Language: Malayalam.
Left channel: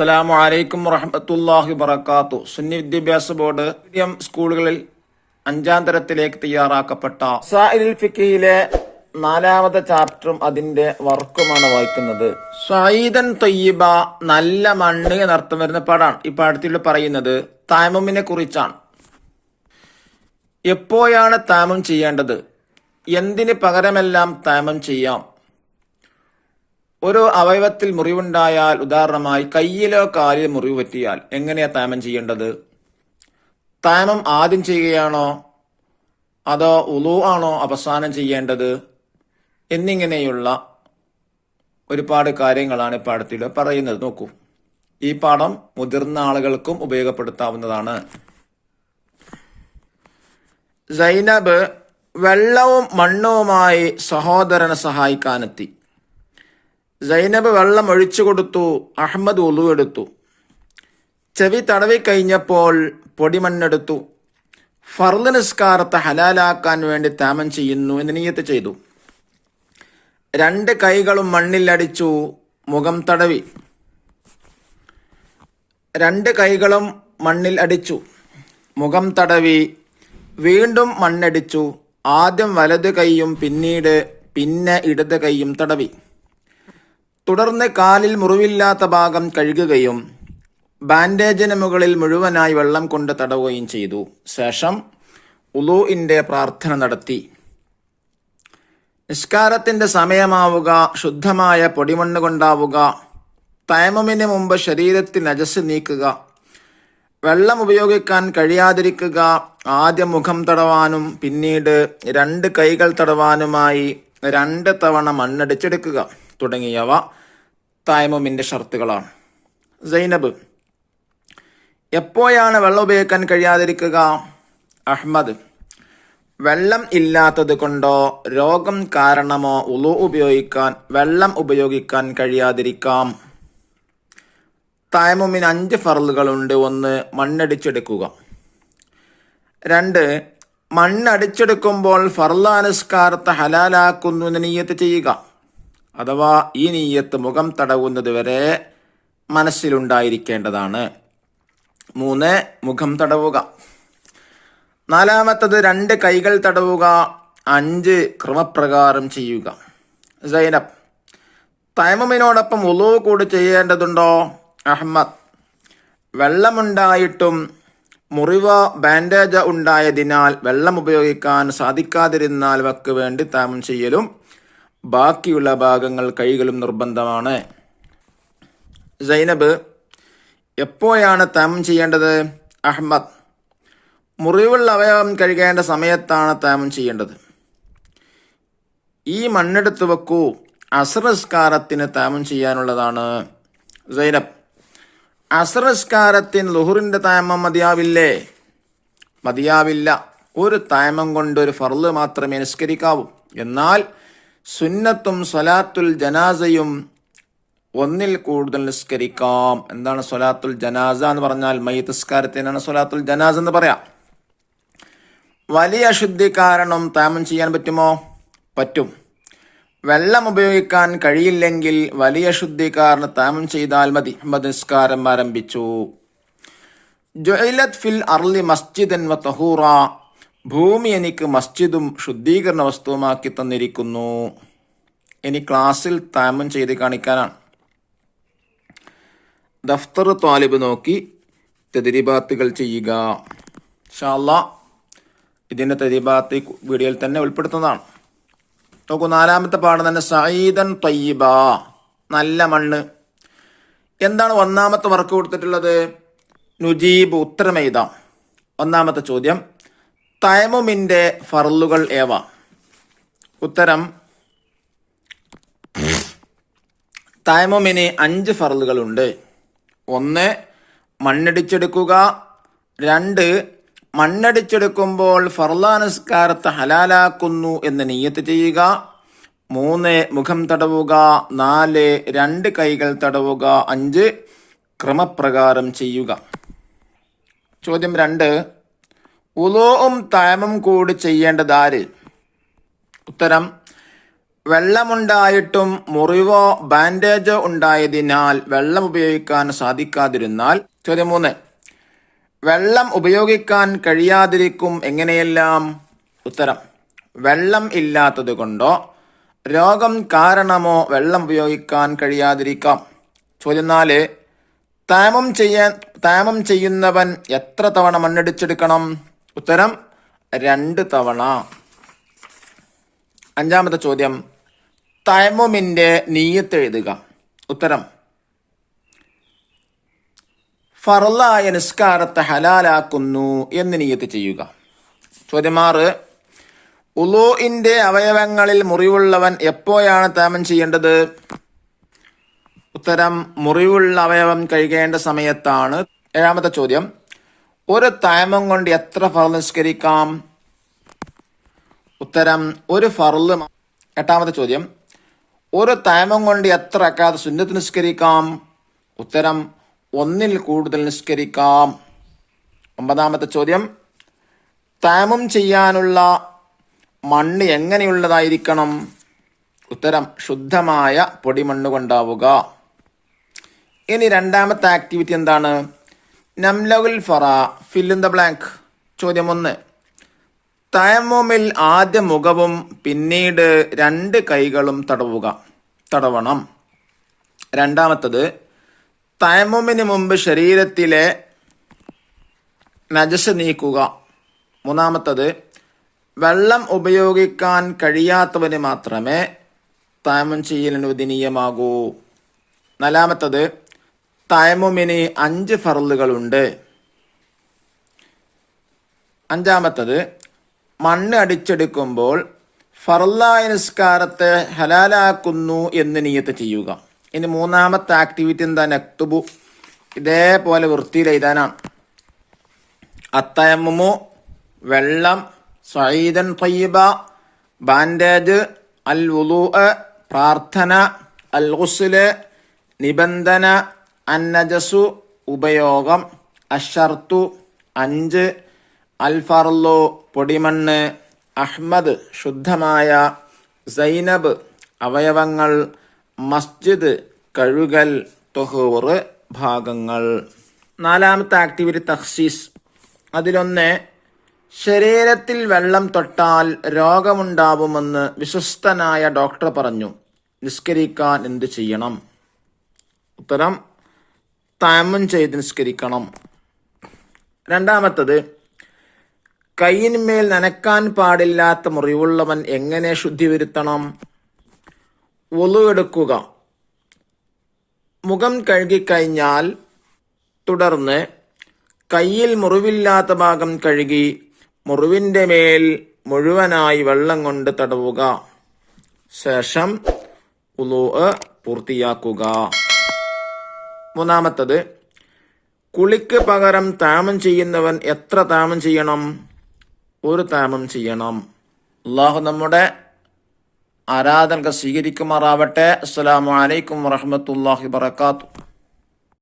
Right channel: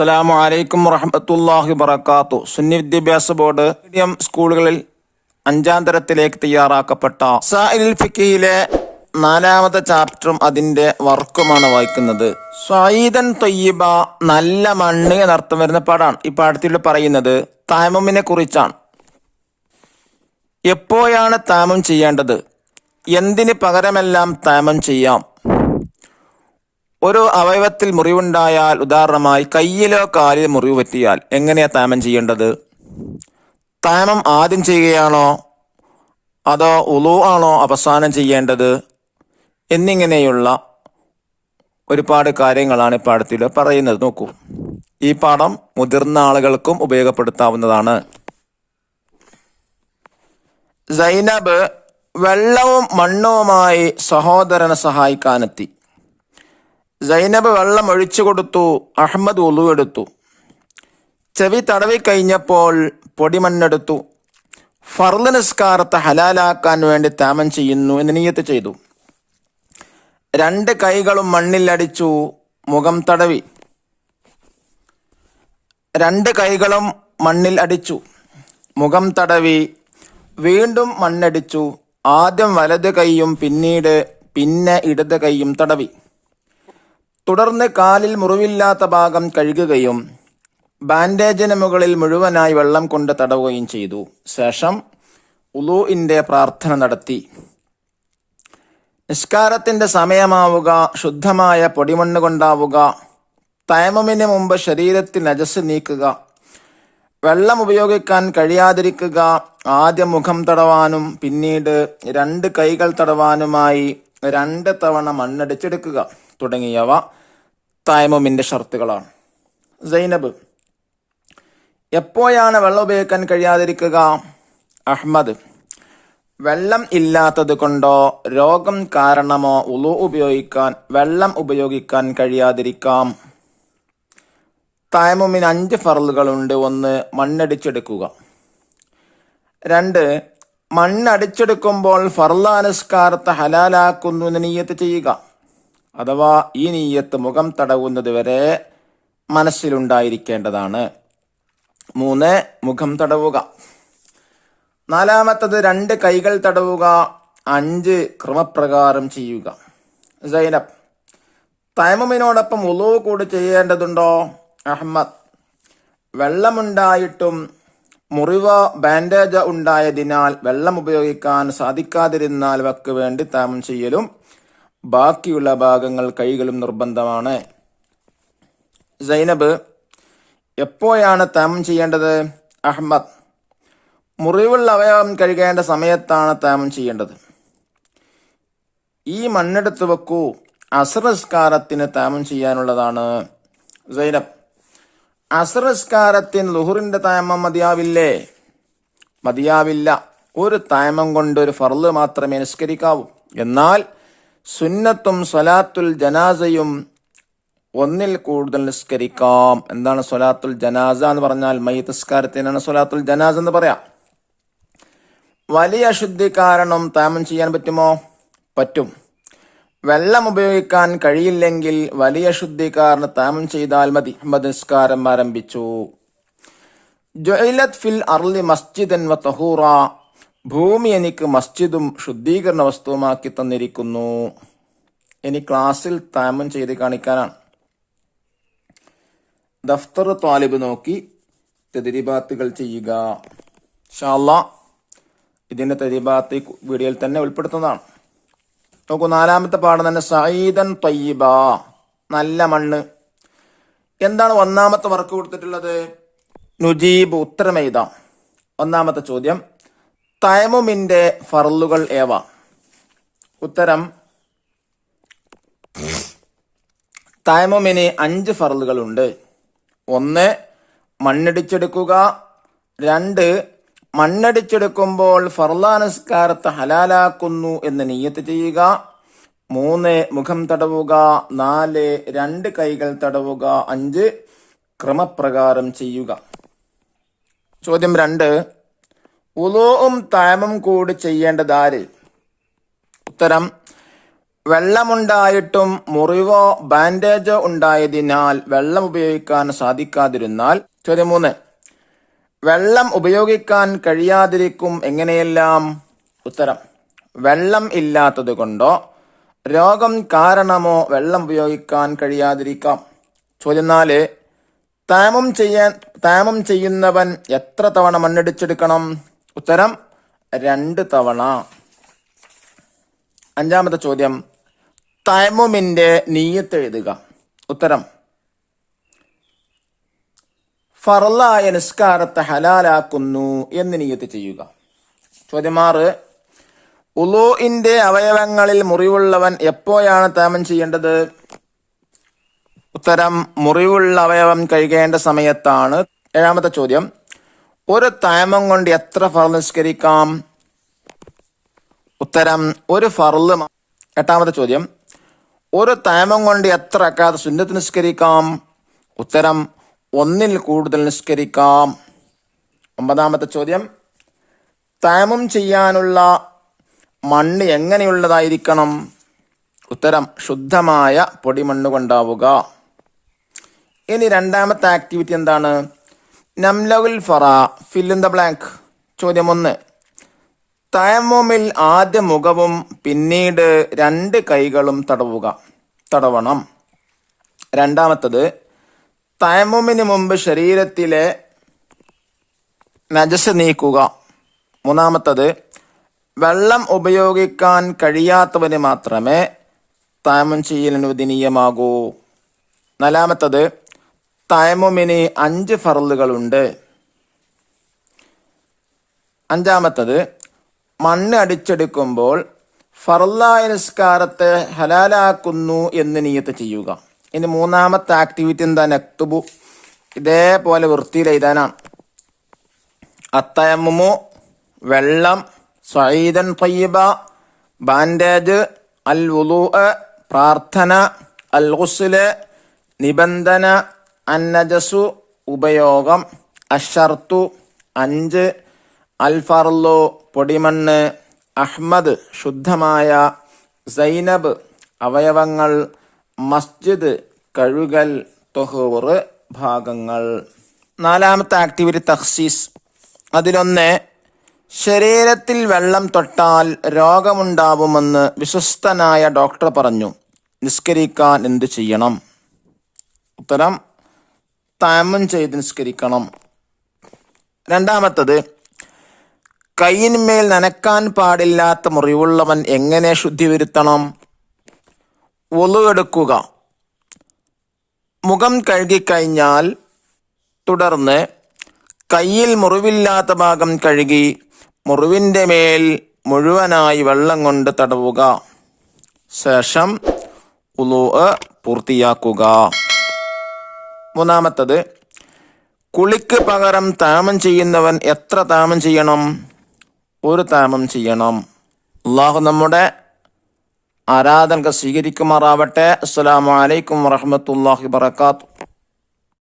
അസ്സലാമു അലൈക്കും വറഹ്മത്തുള്ളാഹി വബറകാതുഹു. സുന്നി വിദ്യാഭ്യാസ ബോർഡ് മീഡിയം സ്കൂളുകളിൽ 5ാം തരത്തിലേക്ക് തയ്യാറാക്കപ്പെട്ട മസാഇലുൽ ഫിഖിലെ 4ാമത്തെ ചാപ്റ്ററും അതിന്റെ വർക്കുമാണ് വായിക്കുന്നത്. സ്വഈദൻ ത്വയ്യിബ, നല്ല മണ്ണ് എന്നർത്ഥം വരുന്ന പാഠാണ്. ഈ പാഠത്തിൽ പറയുന്നത് തയമ്മുമിനെ കുറിച്ചാണ്. എപ്പോഴാണ് തയമ്മും ചെയ്യേണ്ടത്, എന്തിന് പകരമെല്ലാം തയമ്മും ചെയ്യാം, ഒരു അവയവത്തിൽ മുറിവുണ്ടായാൽ, ഉദാഹരണമായി കയ്യിലോ കാലിൽ മുറിവ് പറ്റിയാൽ എങ്ങനെയാ തയമ്മം ചെയ്യേണ്ടത്, തയമ്മം ആദ്യം ചെയ്യുകയാണോ അതോ ഉളു ആണോ അവസാനം ചെയ്യേണ്ടത് എന്നിങ്ങനെയുള്ള ഒരുപാട് കാര്യങ്ങളാണ് ഈ പാഠത്തിൽ പറയുന്നത്. നോക്കൂ, ഈ പാഠം മുതിർന്ന ആളുകൾക്കും ഉപയോഗപ്പെടുത്താവുന്നതാണ്. സൈനബ് വെള്ളവും മണ്ണുമായി സഹോദരനെ സഹായിക്കാനെത്തി. സൈനബ് വെള്ളം ഒഴിച്ചു കൊടുത്തു, അഹമ്മദ് ഉളു എടുത്തു. ചെവി തടവി കഴിഞ്ഞപ്പോൾ പൊടിമണ്ണെടുത്തു. ഫർള് നിസ്കാരത്തെ ഹലാലാക്കാൻ വേണ്ടി തയമ്മം ചെയ്യുന്നു എന്ന് നിയ്യത്ത് ചെയ്തു. 2 കൈകളും മണ്ണിൽ അടിച്ചു, മുഖം തടവി. 2 കൈകളും മണ്ണിൽ അടിച്ചു, മുഖം തടവി. വീണ്ടും മണ്ണടിച്ചു. ആദ്യം വലത് കൈയും പിന്നെ ഇടത് കൈയും തടവി. തുടർന്ന് കാലിൽ മുറിവില്ലാത്ത ഭാഗം കഴുകുകയും ബാൻഡേജിന് മുകളിൽ മുഴുവനായി വെള്ളം കൊണ്ട് തടവുകയും ചെയ്തു. ശേഷം ഉളൂഇന്റെ പ്രാർത്ഥന നടത്തി. നിസ്കാരത്തിന്റെ സമയമാവുക, ശുദ്ധമായ പൊടിമണ്ണ് കൊണ്ടാവുക, തയമ്മുമിന് മുമ്പ് ശരീരത്തിൽ നജസ് നീക്കുക, വെള്ളം ഉപയോഗിക്കാൻ കഴിയാതിരിക്കുക, ആദ്യം മുഖം തടവാനും പിന്നീട് 2 കൈകൾ തടവാനുമായി 2 തവണ മണ്ണടിച്ചെടുക്കുക തുടങ്ങിയവ തയമ്മുമിന്റെ ഷർത്തുകളാണ്. സൈനബ് എപ്പോഴാണ് വെള്ളം ഉപയോഗിക്കാൻ കഴിയാതിരിക്കുക? അഹ്മദ് വെള്ളം ഇല്ലാത്തത് കൊണ്ടോ രോഗം കാരണമോ വെള്ളം ഉപയോഗിക്കാൻ കഴിയാതിരിക്കാം. തയമ്മുമിന് 5 ഫർളുകളുണ്ട്. 1. മണ്ണടിച്ചെടുക്കുക. 2. മണ്ണടിച്ചെടുക്കുമ്പോൾ ഫർളായ നിസ്കാരത്തെ ഹലാലാക്കുന്നു എന്ന് നിയ്യത്ത് ചെയ്യുക. അഥവാ ഈ നിയ്യത്ത് മുഖം തടവുന്നത് വരെ മനസ്സിലുണ്ടായിരിക്കേണ്ടതാണ്. 3. മുഖം തടവുക. 4. 2 കൈകൾ തടവുക. 5. ക്രമപ്രകാരം ചെയ്യുക. സൈനബ് തയമ്മുമിനോടൊപ്പം ഉളൂ കൂടി ചെയ്യേണ്ടതുണ്ടോ? അഹ്മദ് വെള്ളമുണ്ടായിട്ടും മുറിവോ ബാൻഡേജ് ഉണ്ടായതിനാൽ വെള്ളം ഉപയോഗിക്കാൻ സാധിക്കാതിരുന്നാൽ വക്ക് വേണ്ടി തയമ്മും ചെയ്യലും ബാക്കിയുള്ള ഭാഗങ്ങൾ കൈകളും നിർബന്ധമാണ്. സൈനബ് എപ്പോഴാണ് തയമ്മും ചെയ്യേണ്ടത്? അഹ്മദ് മുറിവുള്ള അവയവം കഴുകേണ്ട സമയത്താണ് തയമ്മും ചെയ്യേണ്ടത്. ഈ മണ്ണെടുത്ത് വെക്കൂ, അസ്ർ നിസ്കാരത്തിന് തയമ്മും ചെയ്യാനുള്ളതാണ്. സൈനബ് അസ്ർ നിസ്കാരത്തിന് ളുഹറിന്റെ തയമ്മം മതിയാവില്ലേ? മതിയാവില്ല. ഒരു തയമ്മം കൊണ്ട് ഒരു ഫർള് മാത്രമേ നിസ്കരിക്കാവൂ. എന്നാൽ സുന്നത്തും സ്വലാത്തുൽ ജനാസയും ഒന്നിൽ കൂടുതൽ നിസ്കരിക്കാം. എന്താണ് സ്വലാത്തുൽ ജനാസ എന്ന് പറഞ്ഞാൽ? മയ്യിത്ത് നിസ്കാരത്തിനാണ് സ്വലാത്തുൽ ജനാസ എന്ന് പറയാം. വലിയ അശുദ്ധി കാരണം തയമ്മും ചെയ്യാൻ പറ്റുമോ? പറ്റും. വെള്ളം ഉപയോഗിക്കാൻ കഴിയില്ലെങ്കിൽ വലിയ ശുദ്ധി കാരണം തയമ്മും ചെയ്താൽ മതി. നിസ്കാരം ആരംഭിച്ചു. ജുഇലത് ഫിൽ അർളി മസ്ജിദൻ വ തഹൂറ, ഭൂമി എനിക്ക് മസ്ജിദും ശുദ്ധീകരണ വസ്തുവുമാക്കി തന്നിരിക്കുന്നു. ഇനി ക്ലാസ്സിൽ തയമ്മും ചെയ്ത് കാണിക്കാനാണ്. ദഫ്തർ ത്വാലിബ് നോക്കി തദ്രീബാത്തുകൾ ചെയ്യുക. ഇൻഷാ അല്ലാഹ് ഇതിന്റെ തദ്രീബാത്ത് വീഡിയോയിൽ തന്നെ ഉൾപ്പെടുത്തുന്നതാണ്. നോക്കൂ, 4ാമത്തെ പാഠം തന്നെ സഈദൻ ത്വയ്യിബ, നല്ല മണ്ണ്. എന്താണ് 1ാമത്തെ വർക്ക് കൊടുത്തിട്ടുള്ളത്? നുജീബ്, ഉത്തരം എഴുതാം. 1ാമത്തെ ചോദ്യം, തയമ്മുമിന്റെ ഫർളുകൾ ഏവ? ഉത്തരം, തയമ്മുമിന് 5 ഫർളുകളുണ്ട്. 1. മണ്ണടിച്ചെടുക്കുക. 2. മണ്ണടിച്ചെടുക്കുമ്പോൾ ഫർളായ നിസ്കാരത്തെ ഹലാലാക്കുന്നു എന്ന് നിയ്യത്ത് ചെയ്യുക. 3. മുഖം തടവുക. 4. 2 കൈകൾ തടവുക. 5. ക്രമപ്രകാരം ചെയ്യുക. ചോദ്യം 2. ഉളൂഉം തയമ്മും കൂടി ചെയ്യേണ്ടതാര്? ഉത്തരം, വെള്ളമുണ്ടായിട്ടും മുറിവോ ബാൻഡേജോ ഉണ്ടായതിനാൽ വെള്ളം ഉപയോഗിക്കാൻ സാധിക്കാതിരുന്നാൽ. ചോദ്യം 3. വെള്ളം ഉപയോഗിക്കാൻ കഴിയാതിരിക്കും എങ്ങനെയെല്ലാം? ഉത്തരം: വെള്ളം ഇല്ലാത്തത് കൊണ്ടോ രോഗം കാരണമോ വെള്ളം ഉപയോഗിക്കാൻ കഴിയാതിരിക്കാം. ചോദ്യം 4. തയമം ചെയ്യുന്നവൻ എത്ര തവണ മണ്ണിടിച്ചെടുക്കണം? ഉത്തരം: 2 തവണ. 5-ാമത്തെ ചോദ്യം: തയമ്മുമിന്റെ നിയ്യത്ത് എഴുതുക. ഉത്തരം: ഫർളായ നിസ്കാരത്തെ ഹലാലാക്കുന്നു എന്ന് നിയ്യത്ത് ചെയ്യുക. ചോദ്യം 6. ഉളൂഇന്റെ അവയവങ്ങളിൽ മുറിവുള്ളവൻ എപ്പോഴാണ് തയമ്മം ചെയ്യേണ്ടത്? ഉത്തരം: മുറിവുള്ള അവയവം കഴുകേണ്ട സമയത്താണ്. 7-ാമത്തെ ചോദ്യം: ഒരു തയമ്മം കൊണ്ട് എത്ര ഫർള് നിസ്കരിക്കാം? ഉത്തരം: 1 ഫർള്. 8-ാമത്തെ ചോദ്യം: ഒരു തയമ്മം കൊണ്ട് എത്ര റക്അത്ത് സുന്നത്ത് നിസ്കരിക്കാം? ഉത്തരം: 1-ൽ കൂടുതൽ നിസ്കരിക്കാം. 9-ാമത്തെ ചോദ്യം: തയമ്മം ചെയ്യാനുള്ള മണ്ണ് എങ്ങനെയുള്ളതായിരിക്കണം? ഉത്തരം: ശുദ്ധമായ പൊടിമണ്ണ് കൊണ്ടാവുക. ഇനി 2-ാമത്തെ ആക്ടിവിറ്റി എന്താണ്? നംലഉൽ Farah, fill in the blank. ചോദ്യം 1. തയമ്മുമിൽ ആദ്യ മുഖവും പിന്നീട് 2 കൈകളും തടവണം. 2-ാമത്തത്, തയമ്മുമിന് മുമ്പ് ശരീരത്തിലെ നജസ് നീക്കുക. 3-ാമത്തത്, വെള്ളം ഉപയോഗിക്കാൻ കഴിയാത്തവന് മാത്രമേ തയമ്മും ചെയ്യൽ അനുവദനീയമാകൂ. 4-ാമത്തത്, തയമ്മുമിന് 5 ഫർളുകളുണ്ട്. 5-ാമത്തത്, മണ്ണ് അടിച്ചെടുക്കുമ്പോൾ ഫർളായ നിസ്കാരത്തെ ഹലാലാക്കുന്നു എന്ന് നിയ്യത്ത് ചെയ്യുക. ഇനി 3-ാമത്തെ ആക്ടിവിറ്റി എന്താ? നക്തുബു. ഇതേപോലെ വൃത്തിയിൽ എഴുതാനാണ്. അത്തയമ്മുമു വെള്ളം, സഈദൻ ത്വയ്യിബ ബാൻഡേജ്, അൽ വുളൂഅ് പ്രാർത്ഥന, അൽ ഗുസ്ല് നിബന്ധന, അന്നജസു ഉപയോഗം, അശ്ശർത്തു 5, അൽ ഫർളു പൊടിമണ്ണ്, അഹ്മദ് ശുദ്ധമായ, സൈനബ് അവയവങ്ങൾ, മസ്ജിദ് കഴുകൽ, തൊഹൂർ ഭാഗങ്ങൾ. 4-ാമത്തെ ആക്ടിവിറ്റി തഖ്സീസ്. അതിലൊന്ന്, ശരീരത്തിൽ വെള്ളം തൊട്ടാൽ രോഗമുണ്ടാവുമെന്ന് വിശ്വസ്തനായ ഡോക്ടർ പറഞ്ഞു. നിസ്കരിക്കാൻ എന്ത് ചെയ്യണം? ഉത്തരം: തയമ്മും ചെയ്ത് നിസ്കരിക്കണം. 2-ാമത്തത്, കൈയിന്മേൽ നനക്കാൻ പാടില്ലാത്ത മുറിവുള്ളവൻ എങ്ങനെ ശുദ്ധി വരുത്തണം? വുളു എടുക്കുക, മുഖം കഴുകിക്കഴിഞ്ഞാൽ തുടർന്ന് കയ്യിൽ മുറിവില്ലാത്ത ഭാഗം കഴുകി മുറിവിൻ്റെ മേൽ മുഴുവനായി വെള്ളം കൊണ്ട് തടവുക. ശേഷം വുളു പൂർത്തിയാക്കുക. 3-ാമത്തത്, കുളിക്ക് പകരം തയമ്മം ചെയ്യുന്നവൻ എത്ര തയമ്മം ചെയ്യണം? 1 തയമ്മം ചെയ്യണം. അല്ലാഹു നമ്മുടെ ആരാധനകൾ സ്വീകരിക്കുമാറാവട്ടെ. അസ്സലാമു അലൈക്കും വറഹ്മത്തുള്ളാഹി വബറകാതുഹു.